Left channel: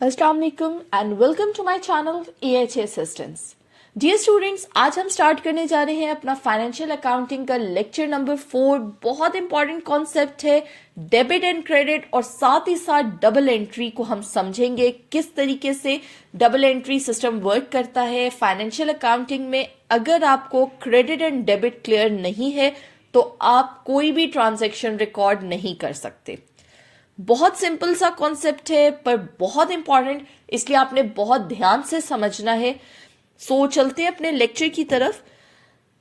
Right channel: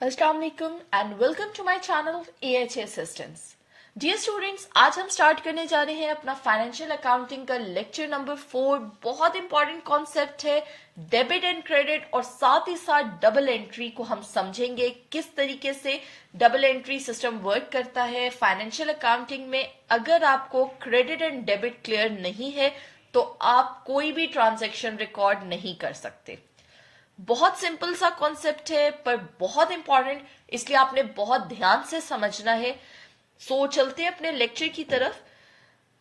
अस्सलाम वालेकुम and welcome to my channel AHA assistants. Dear students, आज हम स्टार्ट करने जा रहे हैं अपना फाइनेंशियल अकाउंटिंग का लेक्चर नंबर 4। बहुत इंपॉर्टेंट कॉन्सेप्ट है डेबिट एंड क्रेडिट, और साथ ही साथ डबल एंट्री को हम समझेंगे किस तरीके से डबल एंट्री सिस्टम वर्क करता है फाइनेंशियल अकाउंटिंग में। अगर आपको क्रेडिट एंड डेबिट क्लियर नहीं है तो आप कोई भी ट्रांजैक्शन रिकॉर्ड नहीं कर सकते। बहुत सिंपल सा कॉन्सेप्ट है पर बहुत इंपॉर्टेंट, इसलिए आपने बहुत ध्यान से समझना है। सो चलते हैं अपने लेक्चर की तरफ।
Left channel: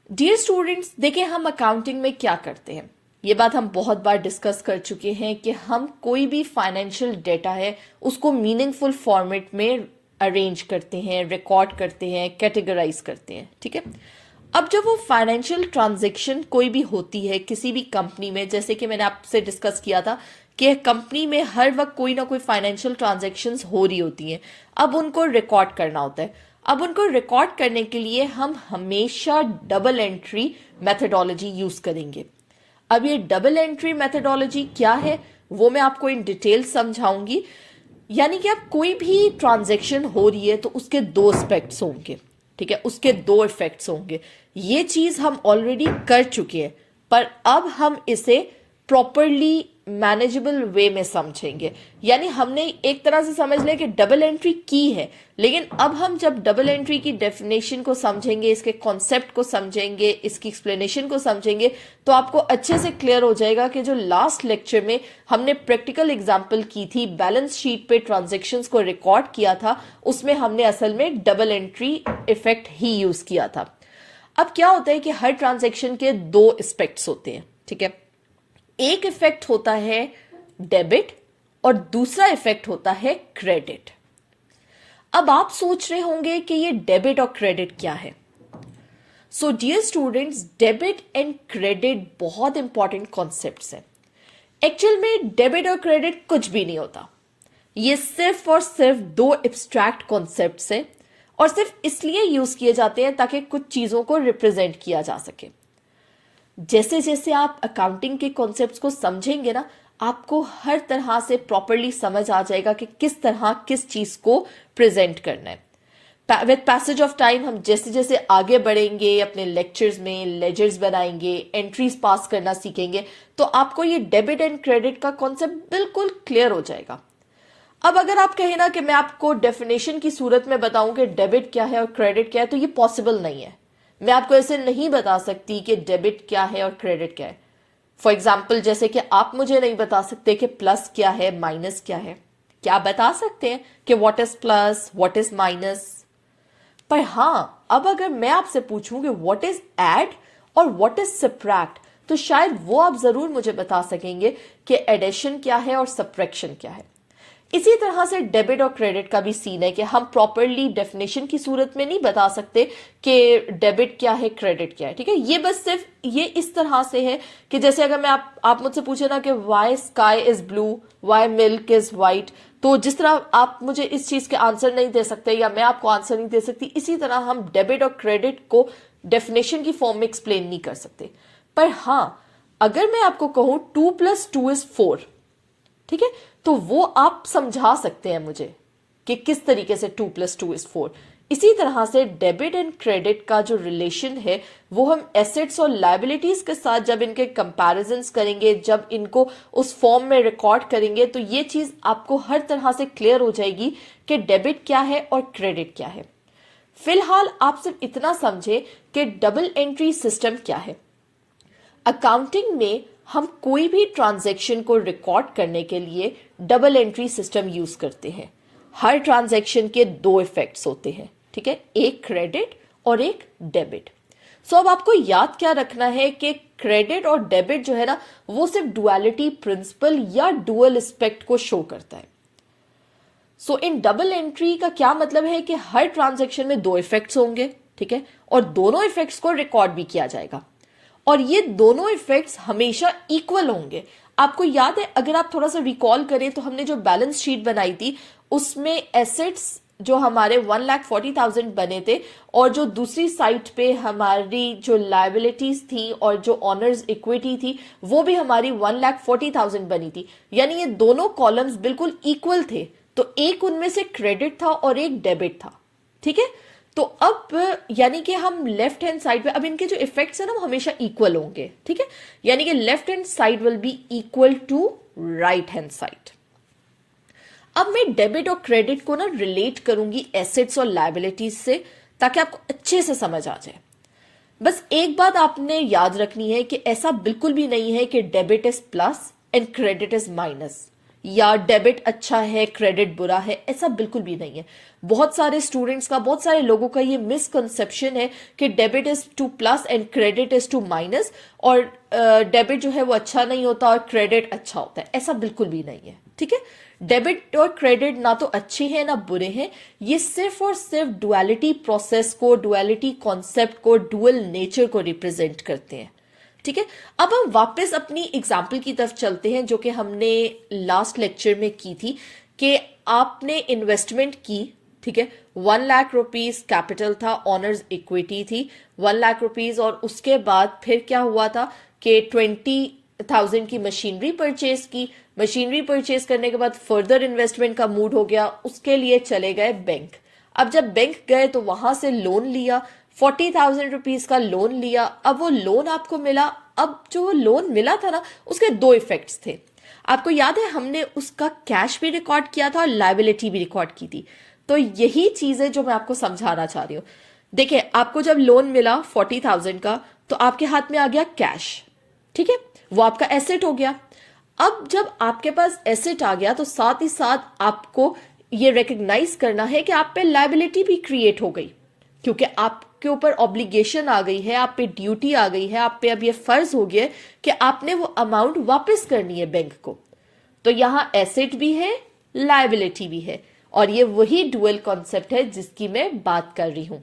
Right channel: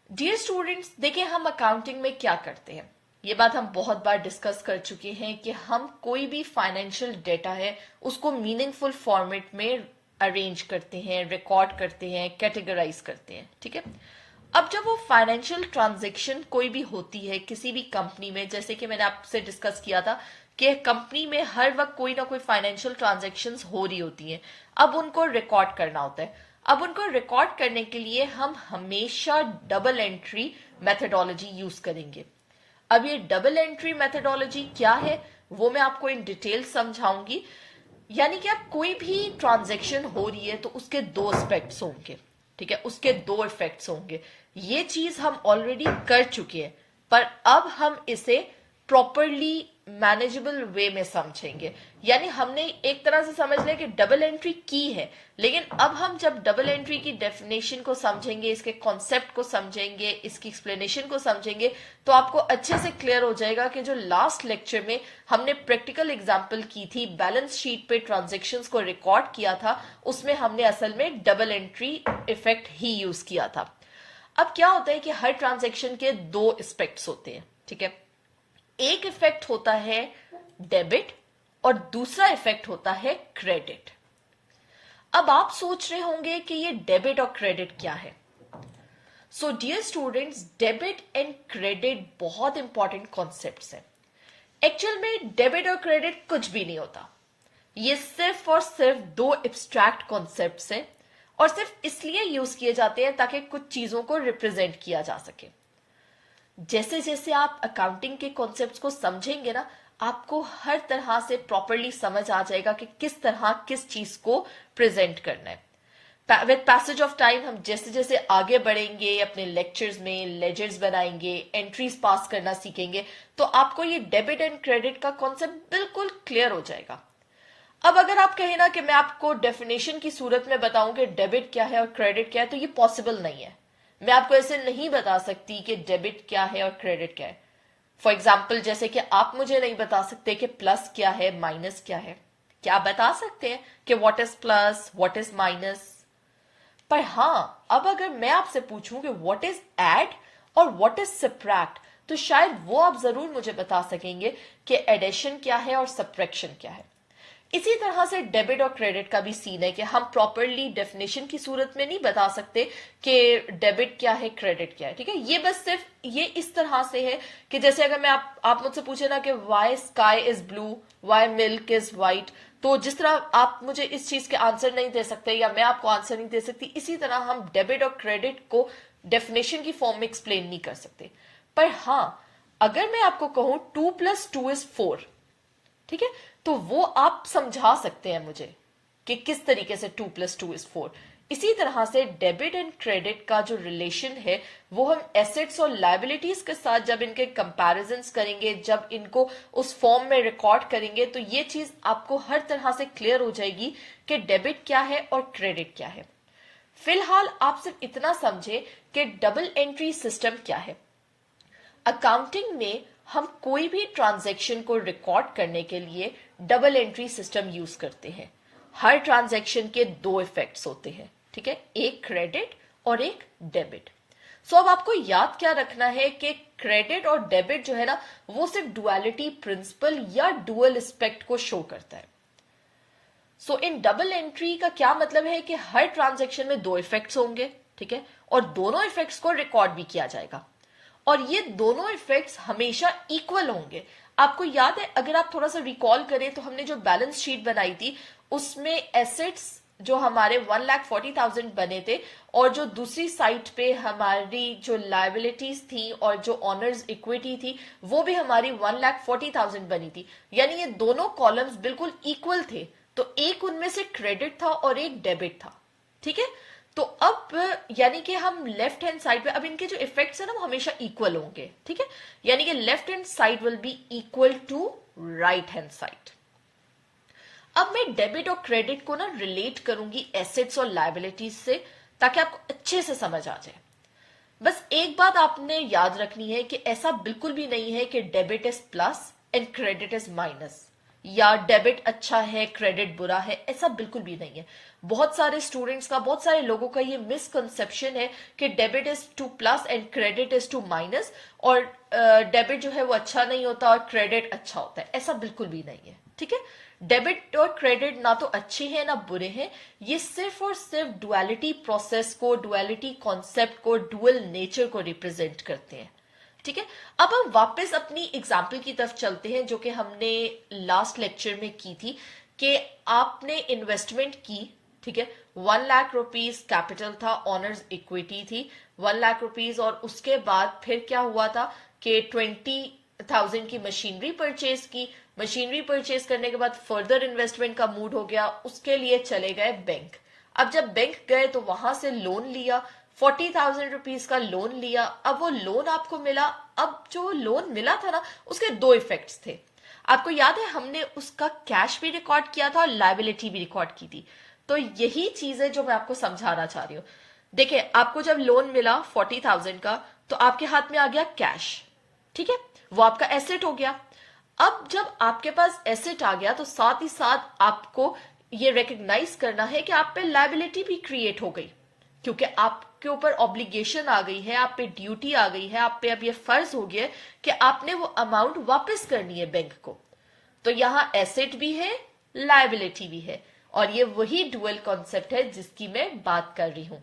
डियर स्टूडेंट्स, देखिए हम अकाउंटिंग में क्या करते हैं, ये बात हम बहुत बार डिस्कस कर चुके हैं कि हम कोई भी फाइनेंशियल डेटा है उसको मीनिंगफुल फॉर्मेट में अरेंज करते हैं, रिकॉर्ड करते हैं, कैटेगराइज करते हैं। ठीक है, अब जब वो फाइनेंशियल ट्रांजैक्शन कोई भी होती है किसी भी कंपनी में, जैसे कि मैंने आपसे डिस्कस किया था कि कंपनी में हर वक्त कोई ना कोई फाइनेंशियल ट्रांजैक्शंस हो रही होती हैं, अब उनको रिकॉर्ड करना होता है। अब उनको रिकॉर्ड करने के लिए हम हमेशा डबल एंट्री मेथडोलॉजी यूज करेंगे। अब ये डबल एंट्री मेथडोलॉजी क्या है वो मैं आपको इन डिटेल समझाऊंगी। यानी कि अब कोई भी ट्रांजैक्शन हो रही है तो उसके दो एस्पेक्ट्स होंगे। ठीक है, उसके दो इफेक्ट्स होंगे। ये चीज हम ऑलरेडी कर चुके हैं, पर अब हम इसे प्रॉपरली मैनेजेबल वे में समझेंगे। यानी हमने एक तरह से समझ लिया कि डबल एंट्री की है, लेकिन अब हम जब डबल एंट्री की डेफिनेशन को समझेंगे, इसके कॉन्सेप्ट को समझेंगे, इसकी एक्सप्लेनेशन को समझेंगे, तो आपको अच्छे से क्लियर हो जाएगा कि जो लास्ट लेक्चर में हमने प्रैक्टिकल एग्जांपल की थी, बैलेंस शीट पे ट्रांजैक्शंस को रिकॉर्ड किया था, उसमें हमने असल में डबल एंट्री इफेक्ट ही यूज किया था। अब क्या होता है कि हर ट्रांजैक्शन के दो एस्पेक्ट्स होते हैं। ठीक है, एक इफेक्ट होता है डेबिट और दूसरा इफेक्ट होता है क्रेडिट। अब आप सोच रहे होंगे कि ये डेबिट और क्रेडिट क्या है। So dear students, debit and credit बहुत इंपॉर्टेंट कॉन्सेप्ट्स हैं। एक्चुअल में डेबिट और क्रेडिट कुछ भी नहीं होता, ये सिर्फ और सिर्फ दो एब्स्ट्रैक्ट कॉन्सेप्ट्स हैं और सिर्फ इसलिए यूज किए जाते हैं ताकि कुछ चीजों को रिप्रेजेंट किया जा सके। जैसे जैसे आप अकाउंटिंग के कॉन्सेप्ट्स को समझेंगे ना, आपको हर तरह से प्रॉपरली समझ आ जाएगा कि किस तरह किस चीज को प्रेजेंट करना है। विद पैसेज ऑफ टाइम हम जैसे जैसे आगे बढ़ेंगे, अपने लेक्चर्स में लेजर्स बनाएंगे, एंट्रीज पास करना सीखेंगे, तो आपको ये डेबिट एंड क्रेडिट का कॉन्सेप्ट बिल्कुल क्लियर हो जाएगा। अब अगर आप कहें ना कि मैं आपको डेफिनेशन की सूरत में बताऊं कि डेबिट क्या है और क्रेडिट क्या है, तो ये पॉसिबल नहीं है। मैं आपको ऐसे नहीं बता सकती कि डेबिट क्या है और क्रेडिट क्या है। फॉर एग्जाम्पल, जैसे कि आप मुझे नहीं बता सकते कि प्लस क्या है, माइनस क्या है। क्या बता सकते हैं कि what is plus, what is minus, पर हाँ, अब अगर मैं आपसे पूछूं कि व्हाट इज ऐड और व्हाट इज सब्ट्रैक्ट, तो शायद वो आप जरूर मुझे बता सकेंगे कि एडिशन क्या है और सब्ट्रैक्शन क्या है। इसी तरह से डेबिट और क्रेडिट का भी सीन है कि हम प्रॉपरली डेफिनेशन की सूरत में नहीं बता सकते कि डेबिट क्या है, क्रेडिट क्या है। ठीक है, ये बस सिर्फ ये इस तरह से है कि जैसे अगर मैं आप मुझसे पूछे ना कि why sky is blue, why milk is white, तो जिस तरह आप मुझे इस चीज के आंसर नहीं दे सकते या मैं आपको आंसर नहीं दे सकती, इसी तरह हम डेबिट और क्रेडिट को डेफिनेशन की फॉर्म में एक्सप्लेन नहीं कर सकते। पर हाँ, अगर मैं आपको कहूं 2+2 इज 4, ठीक है, तो वो आप समझा सकते हैं मुझे कि किस तरीके से 2+2 इज 4। इसी तरह से डेबिट एंड क्रेडिट का जो रिलेशन है वो हम एसेट्स और लायबिलिटीज के साथ जब इनके कंपैरिजंस करेंगे, जब इनको उस फॉर्म में रिकॉर्ड करेंगे, तो ये चीज आपको हर तरह से क्लियर हो जाएगी कि डेबिट क्या है और क्रेडिट क्या है। फिलहाल आप सिर्फ इतना समझे कि डबल एंट्री सिस्टम क्या है। अकाउंटिंग में हम कोई भी ट्रांजैक्शन को रिकॉर्ड करने के लिए डबल एंट्री सिस्टम यूज करते हैं। हर ट्रांजैक्शन के दो इफेक्ट्स होते हैं। ठीक है, एक क्रेडिट और एक डेबिट। सो अब आपको याद क्या रखना है कि क्रेडिट और डेबिट जो है ना, वो सिर्फ डुअलिटी प्रिंसिपल या डुअल एस्पेक्ट को शो करता है। सो इन डबल एंट्री का क्या मतलब है कि हर ट्रांजैक्शन में दो इफेक्ट्स होंगे। ठीक है, और दोनों इफेक्ट्स को रिकॉर्ड भी किया जाएगा और ये दोनों इफेक्ट्स हमेशा इक्वल होंगे। आपको याद है, अगर आप थोड़ा सा रिकॉल करें तो हमने जो बैलेंस शीट बनाई थी उसमें एसेट्स जो हमारे 1,40,000 बने थे और जो दूसरी साइड पे हमारी जो लायबिलिटीज थी और जो ऑनर्स इक्विटी थी वो भी हमारी 1,40,000 बनी थी। यानी ये दोनों कॉलम्स बिल्कुल इक्वल थे, तो एक उनमें से क्रेडिट था और एक डेबिट था, ठीक है। तो अब यानी कि हम लेफ्ट हैंड साइड पे, अब इनके जो इफेक्ट्स है ना वो हमेशा इक्वल होंगे, ठीक है। यानी कि left hand side will be equal to right hand side. अब मैं डेबिट और क्रेडिट को ना रिलेट करूंगी एसेट्स और लायबिलिटीज से, ताकि आपको अच्छे से समझ आ जाए। बस एक बात आपने याद रखनी है कि ऐसा बिल्कुल भी नहीं है कि debit is plus and credit is minus, या डेबिट अच्छा है क्रेडिट बुरा है, ऐसा बिल्कुल भी नहीं है। बहुत सारे स्टूडेंट्स का, बहुत सारे लोगों का ये मिसकंसेप्शन है कि debit is to plus and credit is to minus, और डेबिट जो है वो अच्छा नहीं होता और क्रेडिट अच्छा होता है। ऐसा बिल्कुल भी नहीं है, ठीक है। डेबिट और क्रेडिट ना तो अच्छे हैं ना बुरे हैं, ये सिर्फ और सिर्फ डुअलिटी प्रोसेस को, डुअलिटी कॉन्सेप्ट को, डुअल नेचर को रिप्रेजेंट करते हैं, ठीक है। अब हम वापस अपनी एग्जाम्पल की तरफ चलते हैं जो कि हमने लास्ट लेक्चर में की थी, कि आपने इन्वेस्टमेंट की, ठीक है। 1 लाख रुपीज कैपिटल था, ऑनर्स इक्विटी थी 1 लाख रुपीज, और उसके बाद फिर क्या हुआ था कि 20,000 की मशीनरी परचेज की। मशीनरी परचेज करने के बाद फर्दर इन्वेस्टमेंट का मूड हो गया, उसके लिए चले गए बैंक। अब जब बैंक गए तो वहां से लोन लिया, 40,000 रुपीज का लोन लिया। अब वो लोन आपको मिला, अब जो लोन मिला था ना उसके दो इफेक्ट्स थे। आपको याद है हमने उसका कैश भी रिकॉर्ड किया था और लायबिलिटी भी रिकॉर्ड की थी। तो यही चीजें जो मैं आपको समझाना चाह रही हूं। देखिए, आपको जब लोन मिला 40,000 का, तो आपके हाथ में आ गया कैश, ठीक है, वो आपका एसेट हो गया। अब जब आपके पास एसेट आ गया तो साथ ही साथ आपको ये रिकग्नाइज करना है कि आप पे लायबिलिटी भी क्रिएट हो गई, क्योंकि आपके ऊपर ऑब्लिगेशन आ गई है, आप पे ड्यूटी आ गई है, आप पे अब ये फर्ज हो गया कि आपने वो अमाउंट वापस करनी है बैंक को। तो यहां एसेट भी है, लायबिलिटी भी है, और ये वही डुअल कॉन्सेप्ट है जिसकी मैं बात कर रही हूं।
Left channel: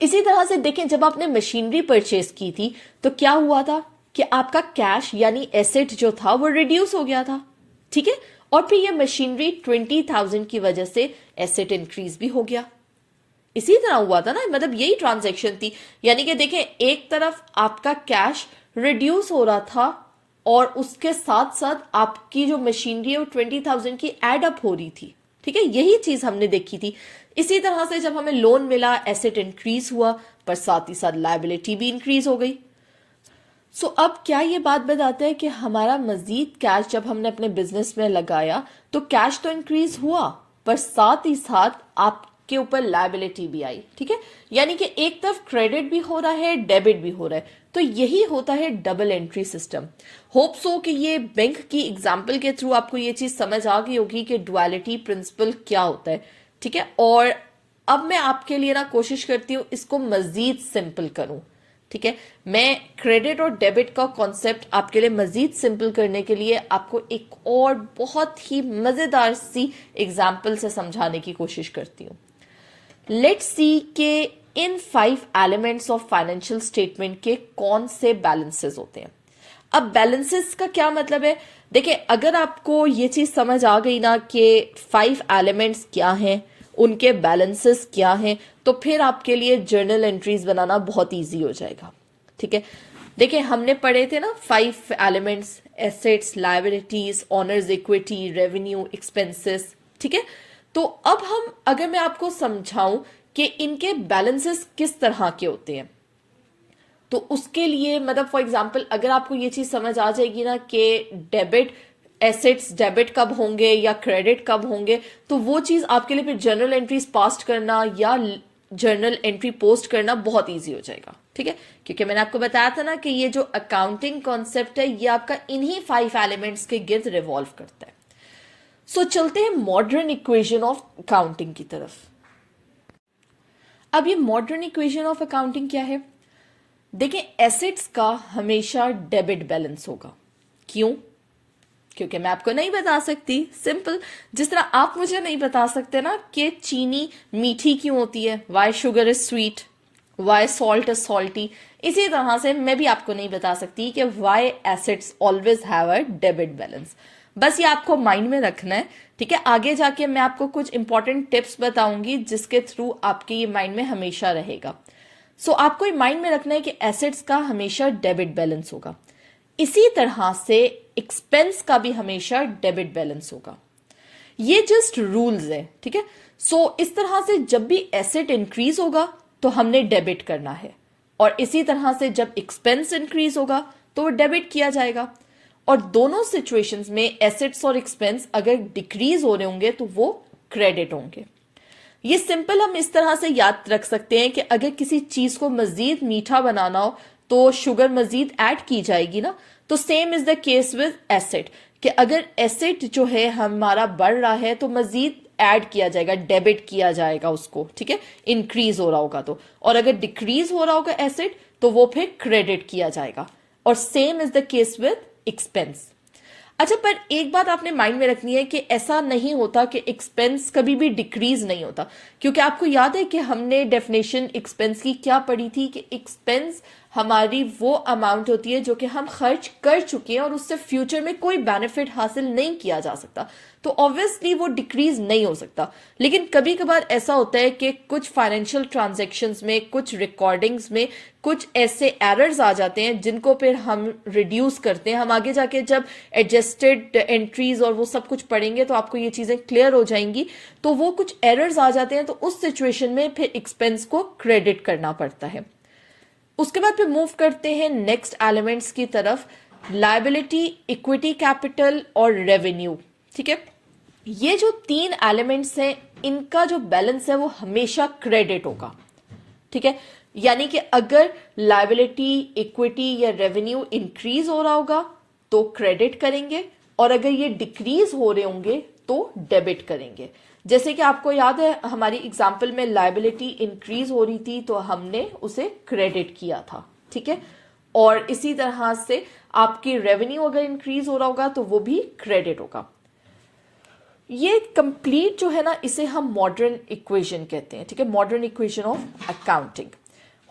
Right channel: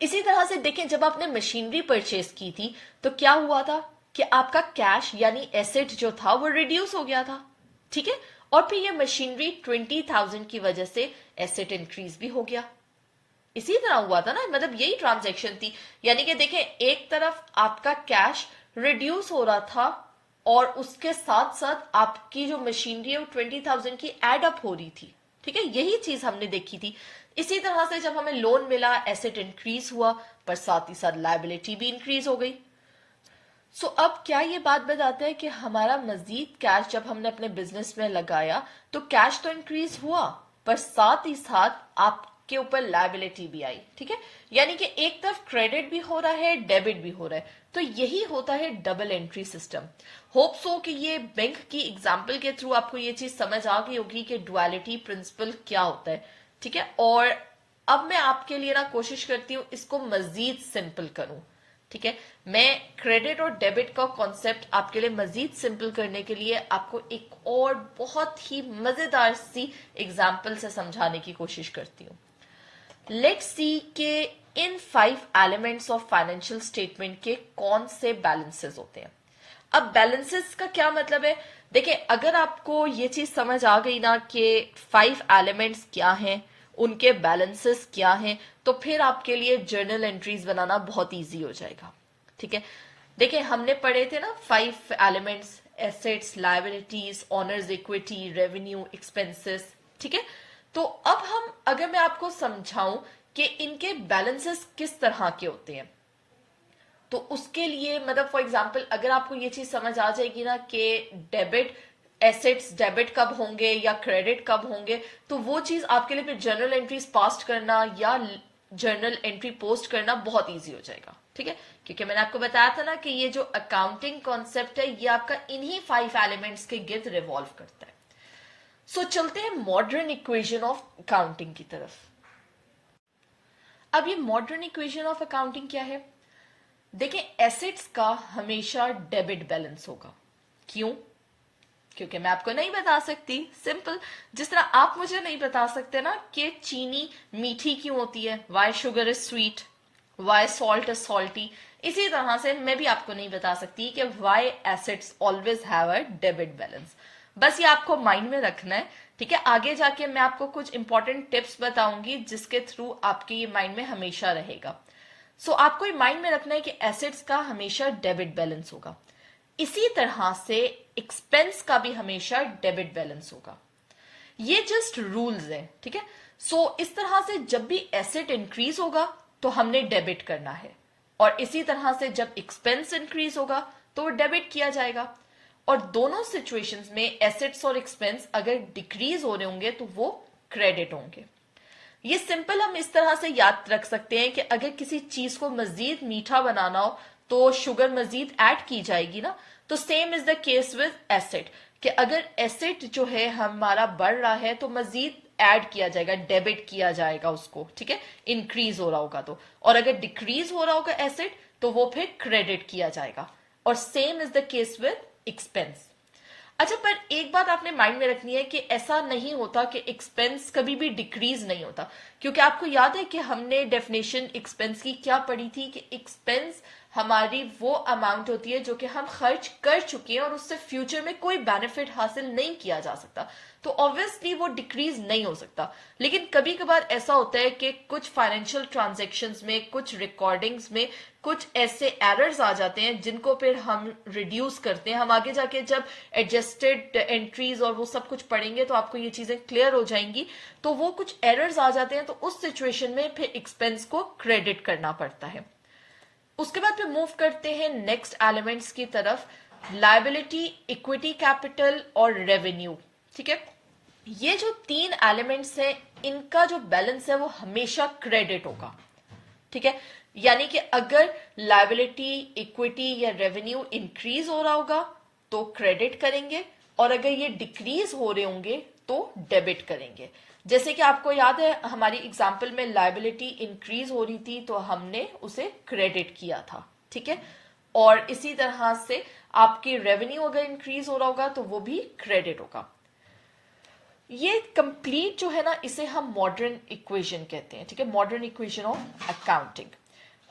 इसी तरह से देखें, जब आपने मशीनरी परचेज की थी तो क्या हुआ था कि आपका कैश यानी एसेट जो था वो रिड्यूस हो गया था, ठीक है। और फिर ये मशीनरी 20,000 की वजह से एसेट इंक्रीज भी हो गया। इसी तरह हुआ था ना, मतलब यही ट्रांजैक्शन थी। यानी कि देखें, एक तरफ आपका कैश रिड्यूस हो रहा था और उसके साथ साथ आपकी जो मशीनरी है वो 20,000 की एड अप हो रही थी, ठीक है। यही चीज हमने देखी थी। इसी तरह से जब हमें लोन मिला, एसेट इंक्रीज हुआ, पर साथ ही साथ लायबिलिटी भी इंक्रीज हो गई। सो अब क्या ये बात बताता है कि हमारा मजीद कैश जब हमने अपने बिजनेस में लगाया तो कैश तो इंक्रीज हुआ, पर साथ ही साथ आपके ऊपर लायबिलिटी भी आई, ठीक है। यानी कि एक तरफ क्रेडिट भी हो रहा है, डेबिट भी हो रहा है। तो यही होता है double entry system. Hope so कि ये बैंक की एग्जाम्पल के थ्रू आपको ये चीज समझ आ गई होगी कि डुअलिटी प्रिंसिपल क्या होता है, ठीक है। और अब मैं आपके लिए ना कोशिश करती हूं इसको मजीद सिंपल करूं, ठीक है। मैं क्रेडिट और डेबिट का कॉन्सेप्ट आपके लिए मजीद सिंपल करने के लिए आपको एक और बहुत ही मजेदार सी एग्जाम्पल से समझाने की कोशिश करती हूं। लेट्स सी के इन 5 एलिमेंट्स ऑफ फाइनेंशियल स्टेटमेंट के कौन से बैलेंसेस होते हैं। अब बैलेंसेस का क्या मतलब है, देखिए, अगर आपको ये चीज समझ आ गई ना कि 5 एलिमेंट्स क्या हैं, उनके बैलेंसेस क्या हैं, तो फिर आपके लिए जर्नल एंट्रीज बनाना बहुत इजी हो जाएगा, ठीक है। देखिए, हमने पढ़े थे ना 5 elements, assets, liabilities, honours equity, revenue, expenses, ठीक है। तो अब हम, अगर मैं आपको समझाऊं कि इनके बैलेंसेस किस तरह के होते हैं, तो उसके लिए मतलब फॉर एग्जांपल अगर आपको ये चीज समझ आ जाएगी ना कि डेबिट एसेट्स डेबिट कब होंगे या क्रेडिट कब होंगे, तो वो चीज आपके लिए फिर जर्नल एंट्रीज पास्ट करना या जर्नल एंट्री पोस्ट करना बहुत इजी हो जाएगा, ठीक है। क्योंकि मैंने आपको बताया था ना कि ये जो अकाउंटिंग कॉन्सेप्ट है ये आपका इन्हीं 5 एलिमेंट्स के गिर्द रिवॉल्व करता है। सो चलते हैं मॉडर्न इक्वेशन ऑफ अकाउंटिंग की तरफ। अब ये मॉडर्न इक्वेशन ऑफ अकाउंटिंग क्या है, देखिए, एसेट्स का हमेशा डेबिट बैलेंस होगा। क्यों? क्योंकि मैं आपको नहीं बता सकती, सिंपल। जिस तरह आप मुझे नहीं बता सकते ना कि चीनी मीठी क्यों होती है, why sugar is sweet, why salt is salty, इसी तरह से मैं भी आपको नहीं बता सकती कि why assets always have a debit balance. बस ये आपको माइंड में रखना है, ठीक है। आगे जाके मैं आपको कुछ इंपॉर्टेंट टिप्स बताऊंगी जिसके थ्रू आपके ये माइंड में हमेशा रहेगा। सो आपको ये माइंड में रखना है कि एसेट्स का हमेशा डेबिट बैलेंस होगा। इसी तरह से एक्सपेंस का भी हमेशा डेबिट बैलेंस होगा। ये जस्ट रूल्स है, ठीक है। सो इस तरह से जब भी एसेट इंक्रीज होगा तो हमने डेबिट करना है, और इसी तरह से जब एक्सपेंस इंक्रीज होगा तो डेबिट किया जाएगा। और दोनों सिचुएशंस में एसेट्स और एक्सपेंस अगर डिक्रीज हो रहे होंगे तो वो क्रेडिट होंगे। ये सिंपल हम इस तरह से याद रख सकते हैं कि अगर किसी चीज को मजीद मीठा बनाना हो तो शुगर मजीद ऐड की जाएगी ना। तो same is the case with asset, कि अगर एसेट जो है हमारा बढ़ रहा है तो मजीद ऐड किया जाएगा, डेबिट किया जाएगा उसको, ठीक है, इंक्रीज हो रहा होगा तो। और अगर डिक्रीज हो रहा होगा एसेट तो वो फिर क्रेडिट किया जाएगा। और same is the case with expense. अच्छा, पर एक बात आपने माइंड में रखनी है कि ऐसा नहीं होता कि एक्सपेंस कभी भी डिक्रीज नहीं होता, क्योंकि आपको याद है कि हमने डेफिनेशन एक्सपेंस की क्या पढ़ी थी कि एक्सपेंस हमारी वो अमाउंट होती है जो कि हम खर्च कर चुके हैं और उससे फ्यूचर में कोई बेनिफिट हासिल नहीं किया जा सकता, तो ऑब्वियसली वो डिक्रीज नहीं हो सकता। लेकिन कभी कभार ऐसा होता है कि कुछ फाइनेंशियल ट्रांजैक्शंस में, कुछ रिकॉर्डिंग्स में कुछ ऐसे एरर्स आ जाते हैं जिनको फिर हम रिड्यूस करते हैं। हम आगे जाके जब एडजस्टेड एंट्रीज और वो सब कुछ पढ़ेंगे तो आपको ये चीजें क्लियर हो जाएंगी। तो वो कुछ एरर्स आ जाते हैं तो उस सिचुएशन में फिर एक्सपेंस को क्रेडिट करना पड़ता है। उसके बाद फिर मूव करते हैं नेक्स्ट एलिमेंट्स की तरफ, लायबिलिटी, इक्विटी कैपिटल और रेवेन्यू, ठीक है। ये जो तीन एलिमेंट्स हैं इनका जो बैलेंस है वो हमेशा क्रेडिट होगा, ठीक है। यानी कि अगर लायबिलिटी, इक्विटी या रेवेन्यू इंक्रीज हो रहा होगा तो क्रेडिट करेंगे, और अगर ये डिक्रीज हो रहे होंगे तो डेबिट करेंगे। जैसे कि आपको याद है हमारी एग्जाम्पल में लायबिलिटी इंक्रीज हो रही थी तो हमने उसे क्रेडिट किया था, ठीक है। और इसी तरह से आपकी रेवेन्यू अगर इंक्रीज हो रहा होगा तो वो भी क्रेडिट होगा। ये कंप्लीट जो है ना, इसे हम मॉडर्न इक्वेशन कहते हैं, ठीक है, modern equation of accounting.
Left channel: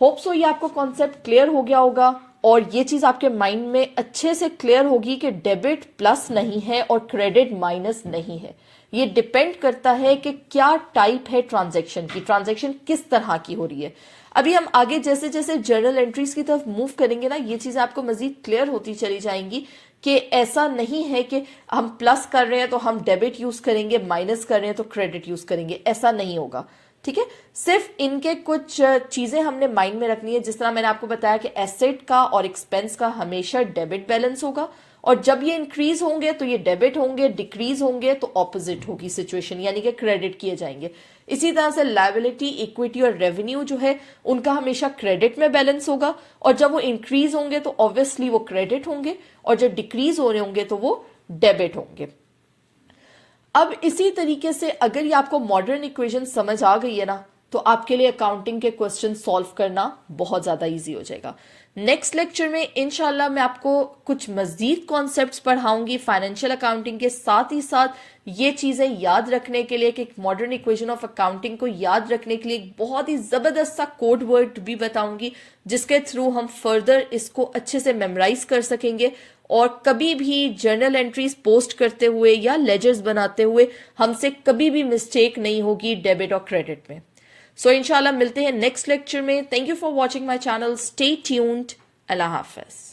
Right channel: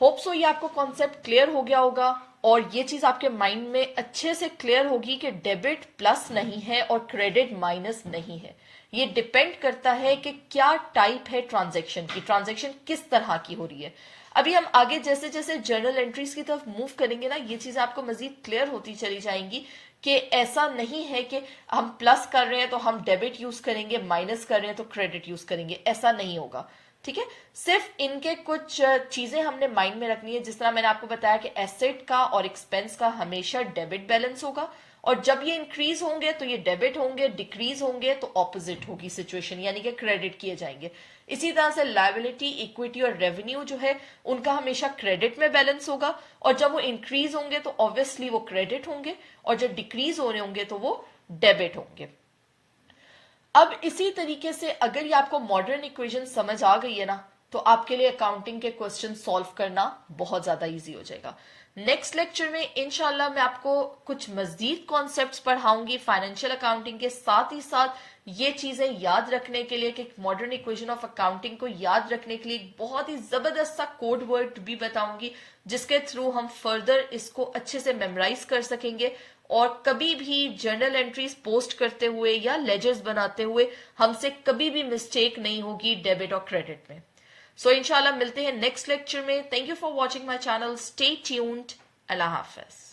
Hope so ये आपको कॉन्सेप्ट क्लियर हो गया होगा और ये चीज आपके माइंड में अच्छे से क्लियर होगी कि डेबिट प्लस नहीं है और क्रेडिट माइनस नहीं है। ये डिपेंड करता है कि क्या टाइप है ट्रांजैक्शन की, ट्रांजैक्शन किस तरह की हो रही है। अभी हम आगे जैसे जैसे जर्नल एंट्रीज की तरफ मूव करेंगे ना, ये चीजें आपको मजीद क्लियर होती चली जाएंगी कि ऐसा नहीं है कि हम प्लस कर रहे हैं तो हम डेबिट यूज करेंगे, माइनस कर रहे हैं तो क्रेडिट यूज करेंगे, ऐसा नहीं होगा, ठीक है। सिर्फ इनके कुछ चीजें हमने माइंड में रखनी है। जिस तरह मैंने आपको बताया कि एसेट का और एक्सपेंस का हमेशा डेबिट बैलेंस होगा, और जब ये इंक्रीज होंगे तो ये डेबिट होंगे, डिक्रीज होंगे तो ऑपोजिट होगी सिचुएशन, यानी कि क्रेडिट किए जाएंगे। इसी तरह से लायबिलिटी, इक्विटी और रेवेन्यू जो है उनका हमेशा क्रेडिट में बैलेंस होगा, और जब वो इंक्रीज होंगे तो ऑब्वियसली वो क्रेडिट होंगे, और जब डिक्रीज हो रहे होंगे तो वो डेबिट होंगे। अब इसी तरीके से अगर ये आपको मॉडर्न इक्वेशन समझ आ गई है ना, तो आपके लिए अकाउंटिंग के क्वेश्चन सॉल्व करना बहुत ज्यादा इजी हो जाएगा। नेक्स्ट लेक्चर में इंशाल्लाह मैं आपको कुछ मजीद कॉन्सेप्ट्स पढ़ाऊंगी फाइनेंशियल अकाउंटिंग के, साथ ही साथ ये चीजें याद रखने के लिए कि मॉडर्न इक्वेशन ऑफ अकाउंटिंग को याद रखने के लिए एक बहुत ही जबरदस्त सा कोड वर्ड भी बताऊंगी, जिसके थ्रू हम फर्दर इसको अच्छे से मेमोराइज कर सकेंगे और कभी भी जर्नल एंट्रीज पोस्ट करते हुए या लेजर्स बनाते हुए हमसे कभी भी मिस्टेक नहीं होगी डेबिट और क्रेडिट में। सो इंशाल्लाह मिलते हैं नेक्स्ट लेक्चर में। Thank you for watching my channel, stay tuned, Allah Hafiz.